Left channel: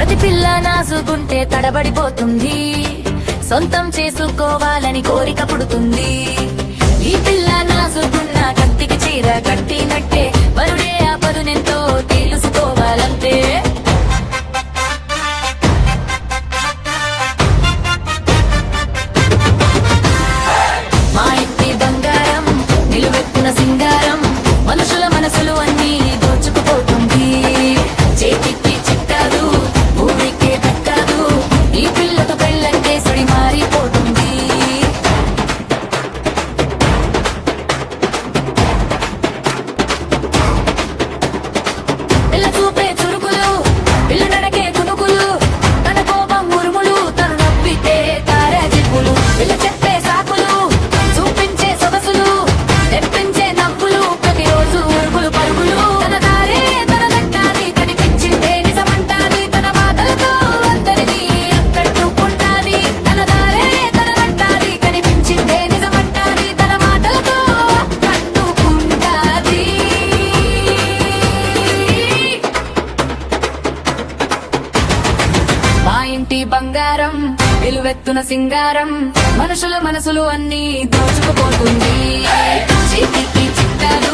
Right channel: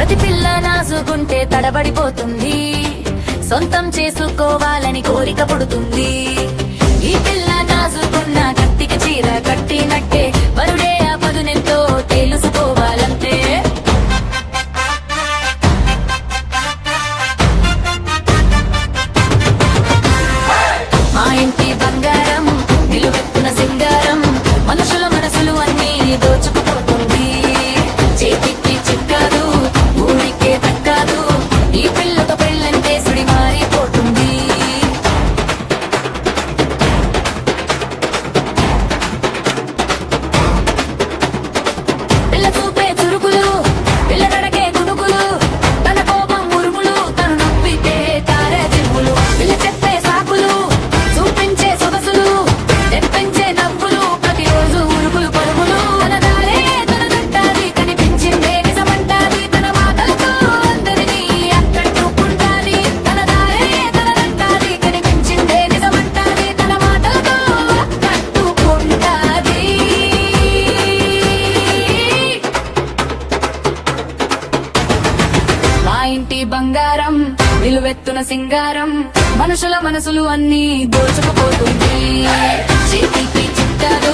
ప్రతి పిల్ల నాసుకుంటే తడబడిపోతుంది, సొంతం చేసుకోవాలని కోరిక పుడుతుంది. ఈ పిల్ల నాసుకున్న కత్తికి చీర కట్టినట్టే, వరుడే ఆపదునెంతో తెలుసుకోవాలంటే. మా ఇంటి బంగారం నిలువెత్తున సింగారం, మనుషుల మనసులు అన్నీ దోచుకుపోతుంది. చేతికి చిక్కాదు, ఊరికే దక్కాదు, ఈ పిల్లతో పెళ్ళంటే సుడి మారిపోతుంది. పిల్ల చూపే చురుకులు, పిల్ల నడకే కునుకులు, తన కోపం ఉరుములు, తను నవ్వితే తారే జివ్వులు. పిల్ల చెప్పే సాకులు, చూపించే సొగసులు, తెప్పించే నవ్వులు, ప్రతిరోజు ఉరుకులు పరుగులు. తన దారే తనదంటాది, కనిపించిందే నిజమంటాది, తన మాటలతో అందరినీ అక్కట్టుకుంటాది. తన దారే తనదంటాది, కనిపించిందే నిజమంటాది, తన మాటలతో అక్కట్టుకుంటాది. మా ఇంటి బంగారం నిలువెత్తున సింగారం, మనుషుల మనసులు అన్నీ దోచుకుపోతుంది. చేతికి చిక్కాదు,